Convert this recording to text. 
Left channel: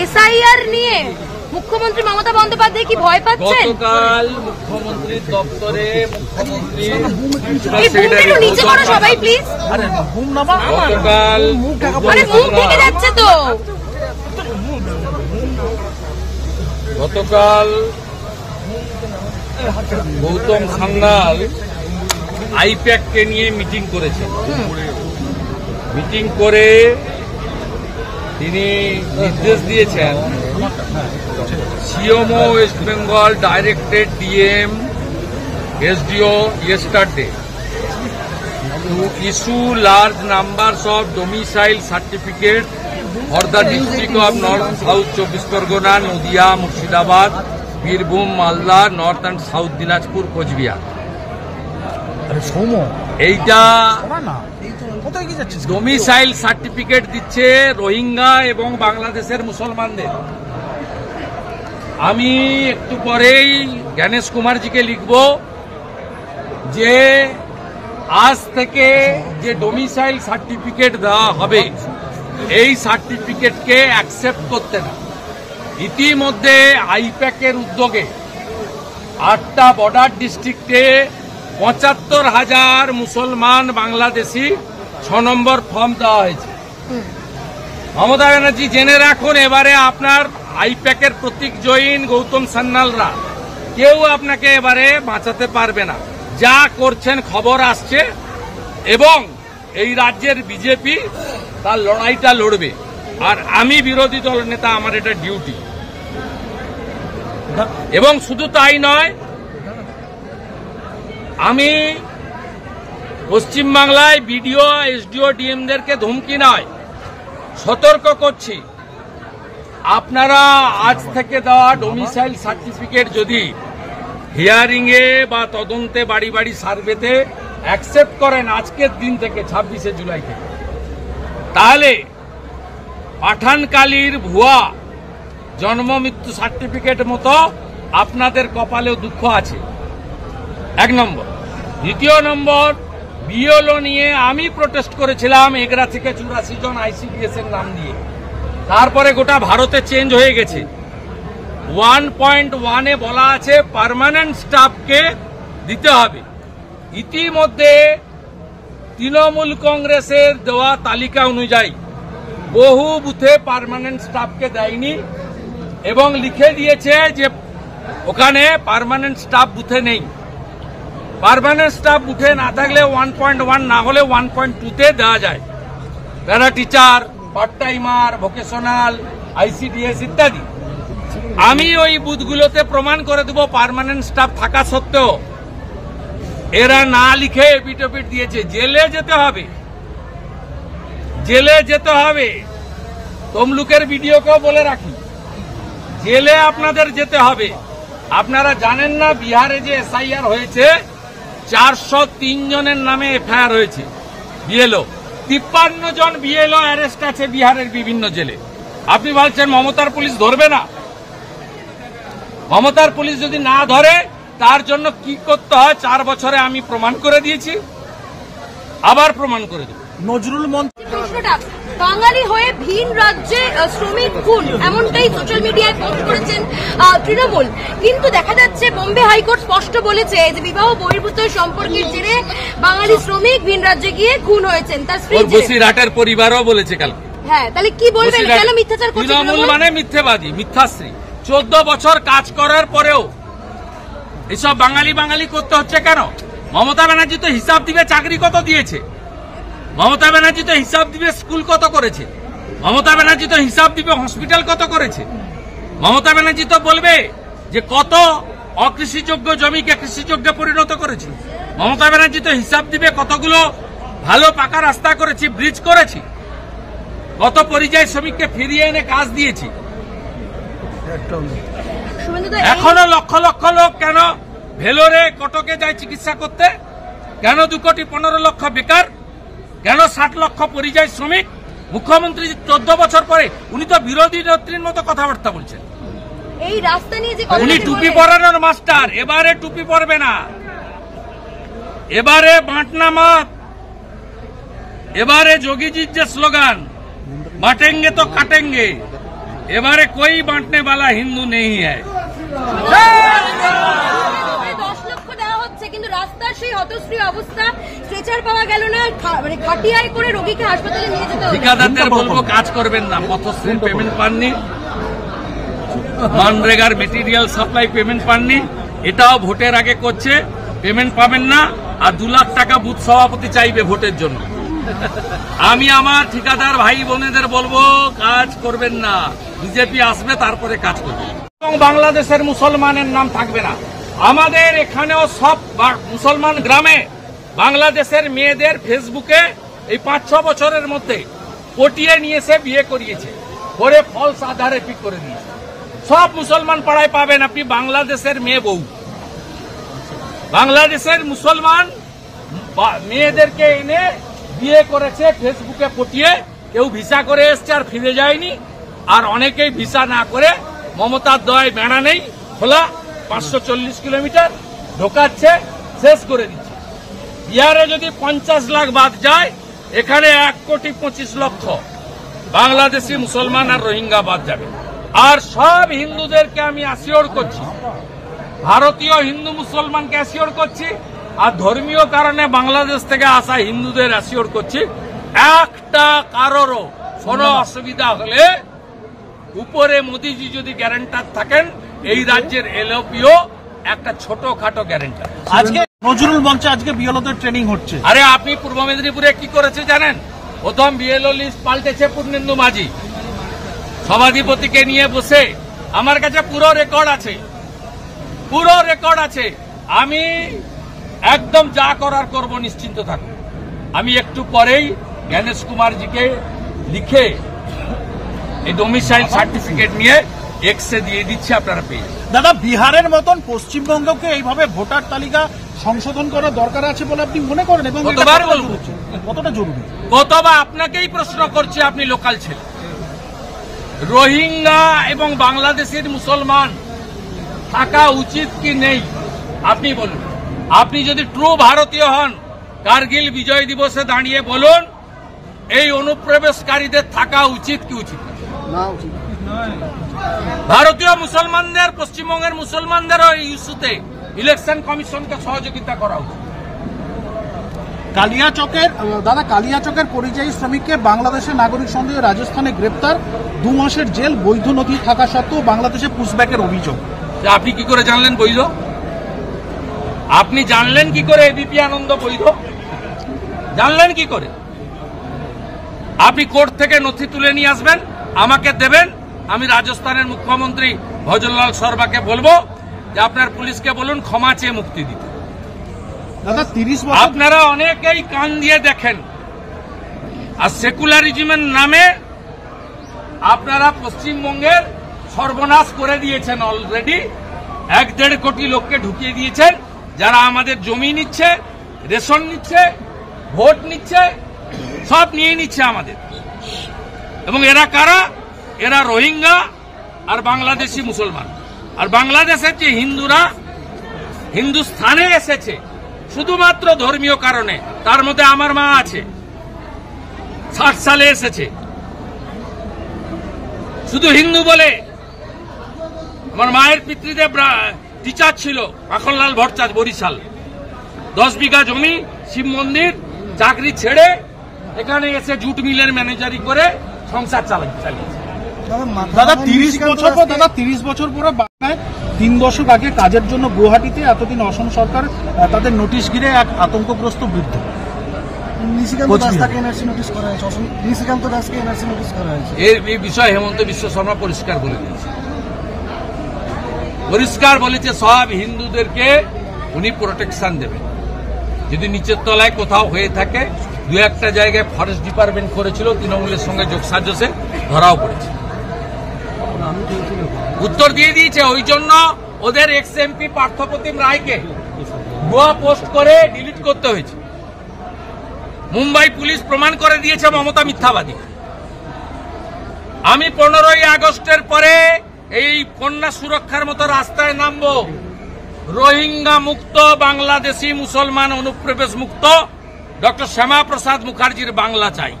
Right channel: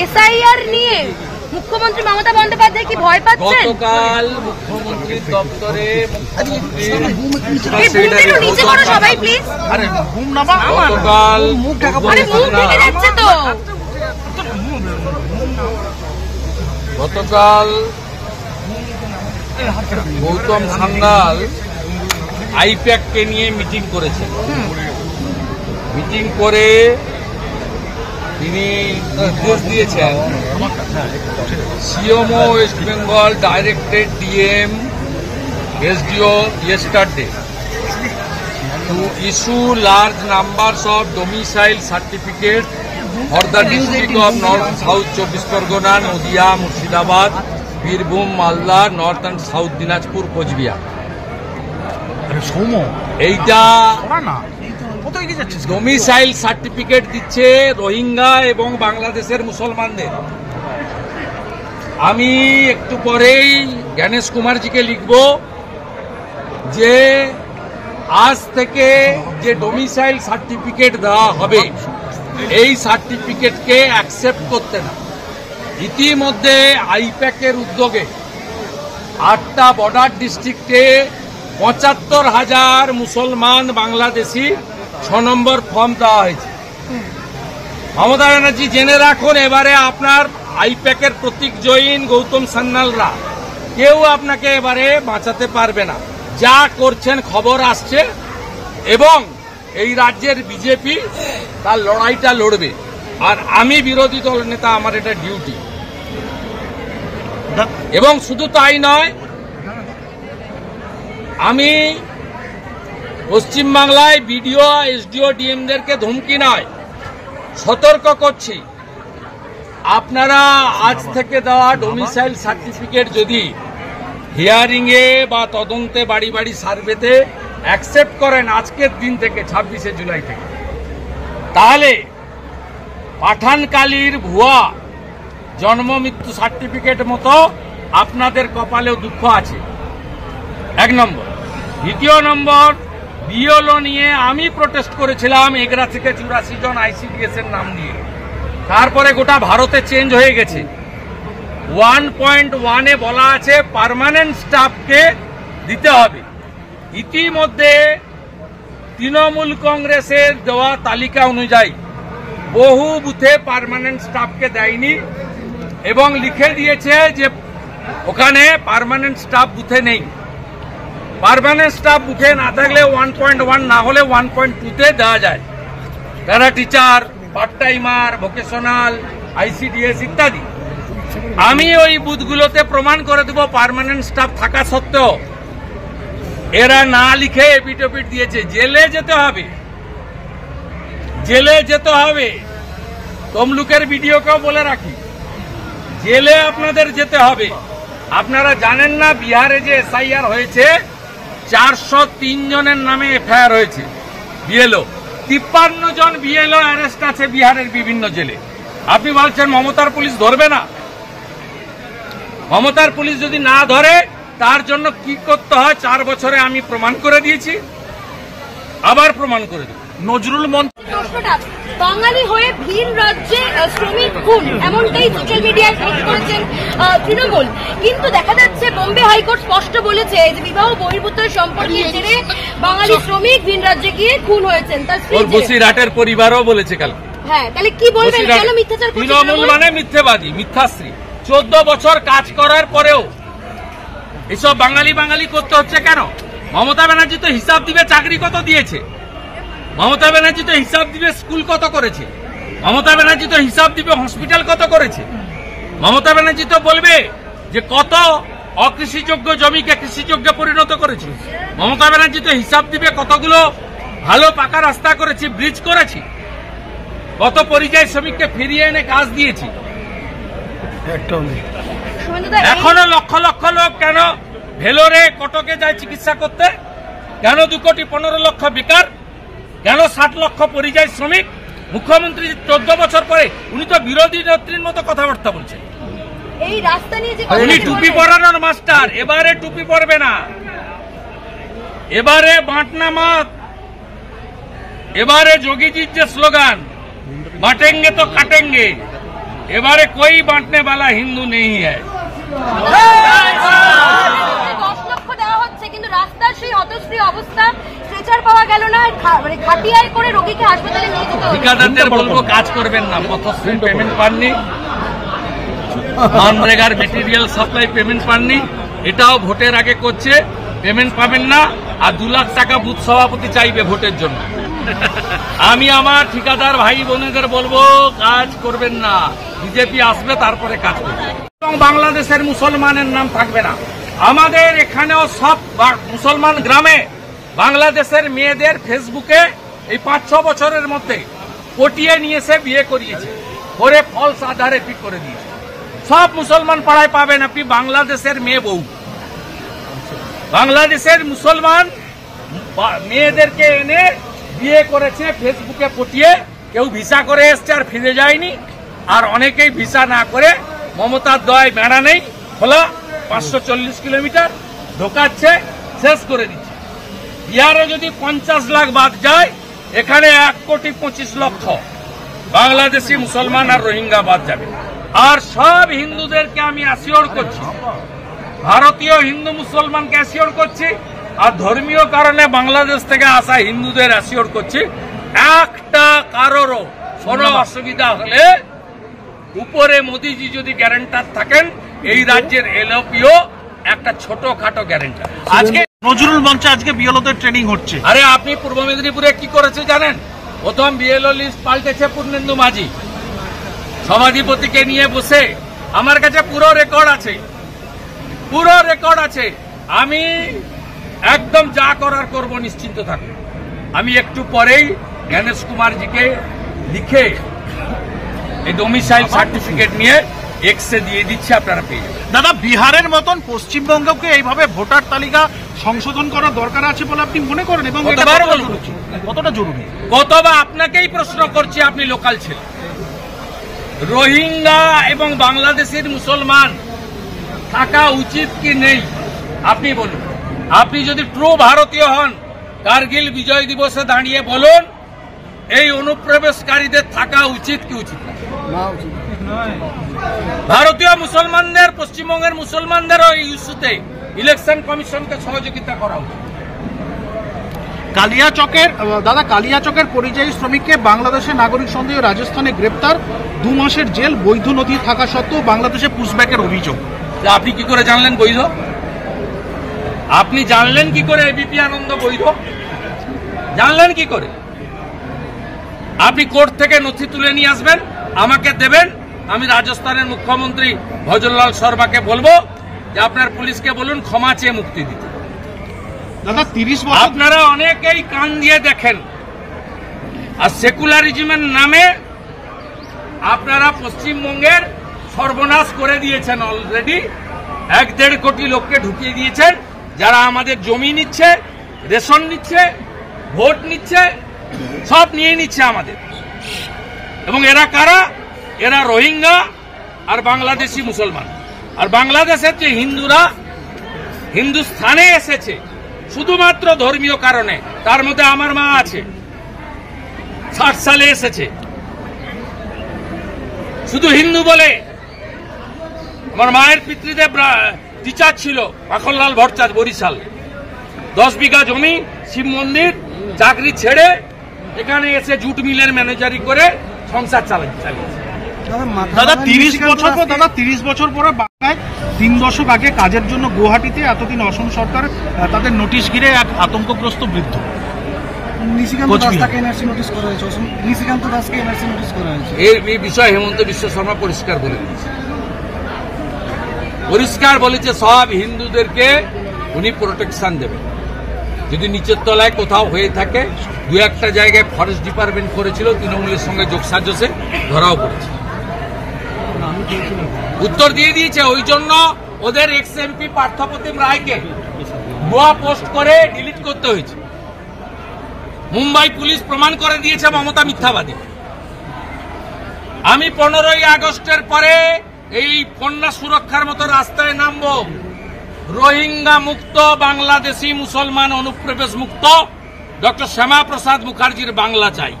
SIR নিয়ে মুখ্যমন্ত্রী মমতা বন্দ্যোপাধ্যায় কি ভয় পাচ্ছেন? গতকাল মুখ্যমন্ত্রী দপ্তরে গতকাল গৌতম সান্যাল আইপ্যাক কে নিয়ে মিটিং করেছেন। মিটিং করে তিনি নির্দেশ দিয়েছেন CMO West Bengal directed DM SDO yesterday to issue large numbers of domicile certificates for the district of North South 24 Pargona, Nadia, Murshidabad, Birbhum, Malda, North and South Dinajpur, Coachbihar. এইটা domicile certificate দিচ্ছে রোহিঙ্গা এবং বাংলাদেশের মুসলমানদের। আমি একটু পরেই জ্ঞানেশ কুমারজিকে লিখব যে আজ থেকে যে ডোমিসাইল সার্টিফিকেট দেওয়া হবে এই সার্টিফিকেটকে অ্যাকসেপ্ট করতে না। ইতিমধ্যে আইপ্যাকের উদ্যোগে 8টা বর্ডার ডিস্ট্রিক্টে 75,000 মুসলমান বাংলাদেশি 6 নম্বর ফর্ম দেওয়া হয়েছে। মমতা ব্যানার্জি জেনে রাখুন, এবারে আপনার আইপ্যাকের প্রতীক জৈন গৌতম সান্যালরা কেউ আপনাকে এবারে বাঁচাতে পারবে না। যা করছেন খবর আসছে এবং এই রাজ্যের বিজেপি তার লড়াইটা লড়বে। আর আমি বিরোধী দল নেতা, আমার এটা ডিউটি। এবং শুধু তাই নয়, আমি পশ্চিমবাংলায় বিডিও এসডিও ডিএমদেরকে ধমকি নয়, সতর্ক করছি, আপনারা আজ থেকে দেওয়া ডোমিসাইল সার্টিফিকেট যদি হিয়ারিং এ বা তদন্তে বাড়ি বাড়ি সার্ভেতে অ্যাকসেপ্ট করেন আজকের দিন থেকে 26শে জুলাই থেকে, তাহলে পাঠানকালীর ভুয়া জন্ম মৃত্যু সার্টিফিকেট মতো আপনাদের কপালেও দুঃখ আছে। 1 নম্বর। দ্বিতীয় নম্বর, বিএলও নিয়ে আমি প্রোটেস্ট করেছিলাম 11 থেকে 84 জন ICDS এর নাম দিয়ে। তারপরে গোটা ভারতে চেঞ্জ হয়ে গেছে। 1.1 এ বলা আছে পার্মানেন্ট স্টাফকে দিতে হবে। ইতিমধ্যে তৃণমূল কংগ্রেসের দেওয়া তালিকা অনুযায়ী বহু বুথে পার্মানেন্ট স্টাফকে দেয়নি এবং লিখে দিয়েছে যে ওখানে পার্মানেন্ট স্টাফ বুথে নেই। পার্মানেন্ট স্টাফ বুথে না থাকলে 1.1 না হলে 1.2 তে দেওয়া যায়। Para teacher, part timer, vocational, ICDS ইত্যাদি। আমি ওই বুথগুলোতে প্রমাণ করে দেব পার্মানেন্ট স্টাফ থাকা সত্ত্বেও এরা না লিখে এপিটোপিট দিয়েছে। জেলে যেতে হবে, জেলে যেতে হবে। তমলুকের ভিডিওকেও বলে রাখি, জেলে আপনাদের যেতে হবে। আপনারা জানেন না বিহারে যে SIR হয়েছে 403 জনের নামে FIR হয়েছে বিএলও। 53 জন বিএলও অ্যারেস্ট আছে বিহারের বিভিন্ন জেলে। আপনি বলছেন মমতার পুলিশ ধরবে না? মমতার পুলিশ যদি না ধরে তার জন্য কি করতে হয় 4 বছরে আমি প্রমাণ করে দিয়েছি, আবার প্রমাণ করে দেব। নজরুল মন্ত্রী বাঙালি হয়ে ভিন রাজ্যে শ্রমিক খুন, এমনটাই সোশ্যাল মিডিয়ায় পোস্ট করেছেন তৃণমূল। কিন্তু দেখা যাচ্ছে বোম্বে হাইকোর্ট স্পষ্ট বলেছে যে বিবাহ বহির্ভূত সম্পর্কের জেরে বাঙালি শ্রমিক ভিন রাজ্যে গিয়ে খুন হয়েছেন। তার স্ত্রী বসিরহাটের পরিবারও বলেছে কাল। হ্যাঁ, তাহলে কি বলবেন? কেন মিথ্যাচার করছে তৃণমূল? মানে মিথ্যেবাদী, মিথ্যাশ্রী। 14 বছর কাজ করার পরেও এসব বাঙালি বাঙালি করতে হচ্ছে কেন? মমতা ব্যানার্জি তো হিসাব দিবে চাকরি কত দিয়েছে, মমতা ব্যানার্জি তো হিসাব দিবে স্কুল কত করেছে, মমতা ব্যানার্জি তো হিসাব দিবে হসপিটাল কত করেছে, মমতা ব্যানার্জি তো বলবে যে কত অকৃষিযোগ্য জমিকে কৃষিযোগ্যে পরিণত করেছে, মমতা ব্যানার্জি তো হিসাব দিবে কতগুলো ভালো পাকা রাস্তা করেছি, ব্রিজ করেছি, কত পরিযায়ী শ্রমিককে ফিরিয়ে এনে কাজ দিয়েছি। এখনো লক্ষ লক্ষ লোক কেন ভেলোরে কটকে যায় চিকিৎসা করতে? কেন 2,15,00,000 বেকার? কেন 60 লক্ষ পরিযায়ী শ্রমিক? মুখ্যমন্ত্রী 14 বছর পরে উনি তো বিরোধী নেত্রীর মতো কথাবার্তা বলছেন। এই রাস্তা নিয়ে যে উনি টুপি পরানোর মাস্টার, এবারে টুপি পরবে না, এবারে বাঁটনা মত, এবারে যোগীজির যে স্লোগান बांटेंगे तो काटेंगे। এবারে कोई बांटने वाला हिंदू नहीं है। 10 লক্ষ দেওয়া হচ্ছে, কিন্তু রাস্তার সেই হতশ্রী অবস্থা, স্ট্রেচার পাওয়া গেল না, মানে খাটিয়ায় করে রোগীকে হাসপাতালে নিয়ে যেতে হবে। ঠিকাদারদের বলবো কাজ করবেন না, পথশ্রী পেমেন্ট পাননি, মানরেগার মেটেরিয়াল সাপ্লাই পেমেন্ট পাননি, এটাও ভোটের আগে করছে, পেমেন্ট পাবেন না। আর 2 লাখ টাকা বুথ সভাপতি চাইবে ভোটের জন্য। আমি আমার ঠিকাদার ভাই বোনেদের বলবো কাজ করবেন না, বিজেপি আসবে তারপরে কাজ করবে। এবং বাংলাদেশের মুসলমানের নাম থাকবে না। আমাদের এখানেও সব মুসলমান গ্রামে বাংলাদেশের মেয়েদের ফেসবুকে এই 5-6 বছরের মধ্যে পটিয়ে নিয়ে এসে বিয়ে করিয়েছে, করে ফলস আধারে পিক করে দিয়েছে। সব মুসলমান পাড়ায় পাবেন আপনি বাংলাদেশের মেয়ে বউ। বাংলাদেশের মুসলমান মেয়েদেরকে এনে বিয়ে করেছে ফেসবুকে পটিয়ে, কেউ ভিসা করে এসছে আর ফিরে যায়নি, আর অনেকেই ভিসা না করে মমতার দয় বেড়া নেই খোলা 540 কিলোমিটার ঢোকাচ্ছে, শেষ করে দিচ্ছে। বিহারে যদি 50 লাখ বাদ যায়, এখানে 1,25,00,000 বাংলাদেশি মুসলমান আর রোহিঙ্গা বাদ যাবে। আর সব হিন্দুদেরকে আমি অ্যাসিওর করছি, ভারতীয় হিন্দু মুসলমানকে অ্যাসিওর করছি, আর ধর্মীয় কারণে বাংলাদেশ থেকে আসা হিন্দুদের অ্যাসিওর করছি, একটা কারোরও কোনো অসুবিধা হলে উপরে মোদিজি যদি গ্যারান্টার থাকেন, এই রাজ্যের এলওপিও একটা ছোটখাটো গ্যারান্টার। আজকে নজরুল মঞ্চে আজকে বিএলওদের ট্রেনিং হচ্ছে। আরে আপনি পূর্ব মেদিনীপুরে কি করেছে জানেন? প্রথম বিএলও লিস্ট পাল্টেছে পূর্ণেন্দু মাঝি, সভাধিপতিকে নিয়ে বসে। আমার কাছে পুরো রেকর্ড আছে, আমি একদম যা করার করব, নিশ্চিন্ত থাকুন। আমি একটু পরেই গণেশ কুমারজিকে লিখে এই ডোমিসাইল সার্টিফিকেট নিয়ে এক্সে দিয়ে দিচ্ছে, আপনারা পেয়ে। দাদা, বিহারের মতন পশ্চিমবঙ্গকে এইভাবে ভোটার তালিকা সংশোধন করার দরকার আছে বলে আপনি মনে করেন? এবং কতবার বলবো, কতটা জরুরি? কতবার আপনাকেই প্রশ্ন করছি, আপনি লোকাল ছিলেন। রোহিঙ্গা এবং বাংলাদেশের মুসলমান থাকা উচিত কি নেই আপনি বলুন। আপনি যদি ট্রু ভারতীয় হন, কার্গিল বিজয় দিবসে দাঁড়িয়ে বলুন এই অনুপ্রবেশকারীদের থাকা উচিত কি উচিত না? ভারতীয় মুসলমানদের, পশ্চিমবঙ্গের মুসলমানদেরও এই ইস্যুতে ইলেকশন কমিশনকে সহযোগিতা করা উচিত। কালিয়াচকের পরিযায়ী শ্রমিককে বাংলাদেশের নাগরিক সন্দেহে রাজস্থানে গ্রেপ্তার, 2 মাসের জেল, বৈধ নথি থাকা সত্ত্বেও বাংলাদেশে পুশব্যাকের অভিযোগ। আপনি কি করে জানলেন বৈধ? আপনি জানলেন কি করে এবিপি আনন্দ বৈধ? জানলেন কি করে? আপনি কোর্ট থেকে নথি তুলে নিয়ে আসবেন, আমাকে দেবেন, আমি রাজস্থানের মুখ্যমন্ত্রী ভজনলাল শর্মাকে বলবো যে আপনার পুলিশকে বলুন ক্ষমা চেয়ে মুক্তি দিতে। দাদা, 30 বছর আপনারা অনেকেই কান দিয়ে দেখেন, আর সেকুলারিজমের নামে আপনারা পশ্চিমবঙ্গের সর্বনাশ করে দিয়েছেন। অলরেডি 1-1.5 কোটি লোককে ঢুকিয়ে দিয়েছেন, যারা আমাদের জমি নিচ্ছে, রেশন নিচ্ছে, ভোট নিচ্ছে, সব নিয়ে নিচ্ছে আমাদের। এবং এরা কারা? এরা রোহিঙ্গা আর বাংলাদেশি মুসলমান। আর বাংলাদেশের যে হিন্দুরা হিন্দুস্থানে এসেছে শুধুমাত্র ধর্মীয় কারণে, তার মধ্যে আমার মা আছে, 60 সালে এসেছে, শুধু হিন্দু বলে। আমার মায়ের পিতৃদেব টিচার ছিল, মাখনলাল ভট্টাচার্য, বরিশাল। 10 বিঘা জমি, শিব মন্দির, চাকরি ছেড়ে এখানে এসে জুট মিলের ম্যানেজারি করে সংসার চালিয়েছে। দাদা, 30 বছর পরে বাংলায় 3 দশক আগে কাজের জন্য গুয়াহাটিতে এতদিন অসম সরকার তাদের নোটিশ ঘিরে এক আতঙ্কগ্রস্ত বৃদ্ধ। এই বিষয়ে হেমন্ত বিশ্ব শর্মা পরিষ্কার বলেছে সব হিন্দুদেরকে উনি প্রোটেকশন দেবেন। যদি নিচের তলায় কোথাও হয়ে থাকে, 2-1টা জায়গায় ফরেস্ট ডিপার্টমেন্ট করেছিল, তৃণমূলের সঙ্গে যোগসাজশে ধরাও পড়েছে, উত্তর দিয়ে দিয়েছে। ওই জন্য ওদের এক্স এমপি পার্থপ্রতিম রায়কে ভুয়া পোস্ট করে ডিলিট করতে হয়েছে। মুম্বাই পুলিশ প্রমাণ করে দিয়েছে মমতা মিথ্যাবাদী। আমি 15ই আগস্টের পরে এই কন্যা সুরক্ষার মতো রাস্তায় নামবো, রোহিঙ্গা মুক্ত, বাংলাদেশি মুসলমান অনুপ্রবেশ মুক্ত, ডক্টর শ্যামা প্রসাদ মুখার্জির বাংলা চাই।